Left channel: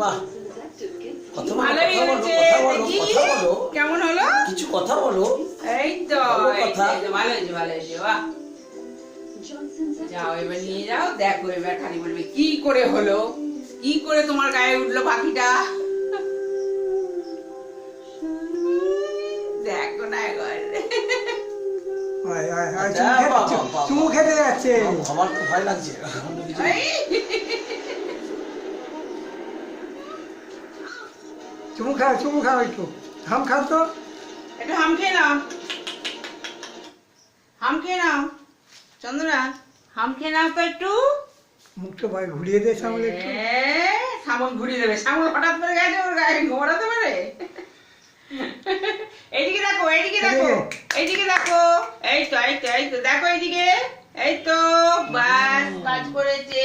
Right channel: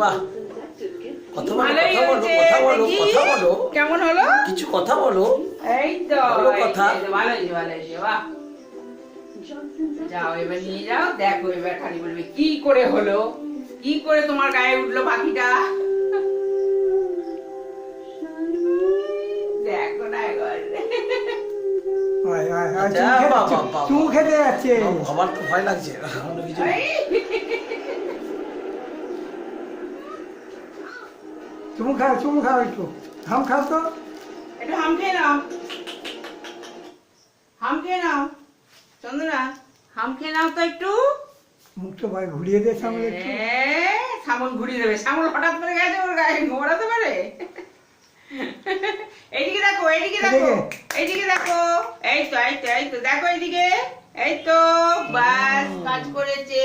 বাহ, কথা বলো, কথা বলো, কথা বলো। কেমন হলো? কিছু কথা বলো। এই তো বলো কথা। ভালো হয়েছে, ভালো হয়েছে। বাহ, যাও এবার নিয়ে যাও, দেখো এবার খালি বলবে কি করে হলো, কি করে তোমার গায়ে উঠলো পাখিটা। দেখো না এবার। আচ্ছা, চুমু খেতে যাচ্ছে। আমার তো ভয় লাগছে। চুমু খাও একটু। হাম খাও তো। একটু হাম খেয়ে নাও, হাম খেয়ে নাও চন্দ্রা, হাম খেয়ে নাও তো একটু। মুখটা ভাই ঘুরিয়ে দে সামনে একটু। সামন ঘুরিয়ে দেবে, সামন হঠাৎ করে গেছে ওর গায়ে ঘোরাতে পারে। এইদিকে দেখো, এইদিকে দেখো, এইদিকে দেখো, এই তো এই তো এই তো দেখো এইদিকে, এই তো বাস কাজ করেছে।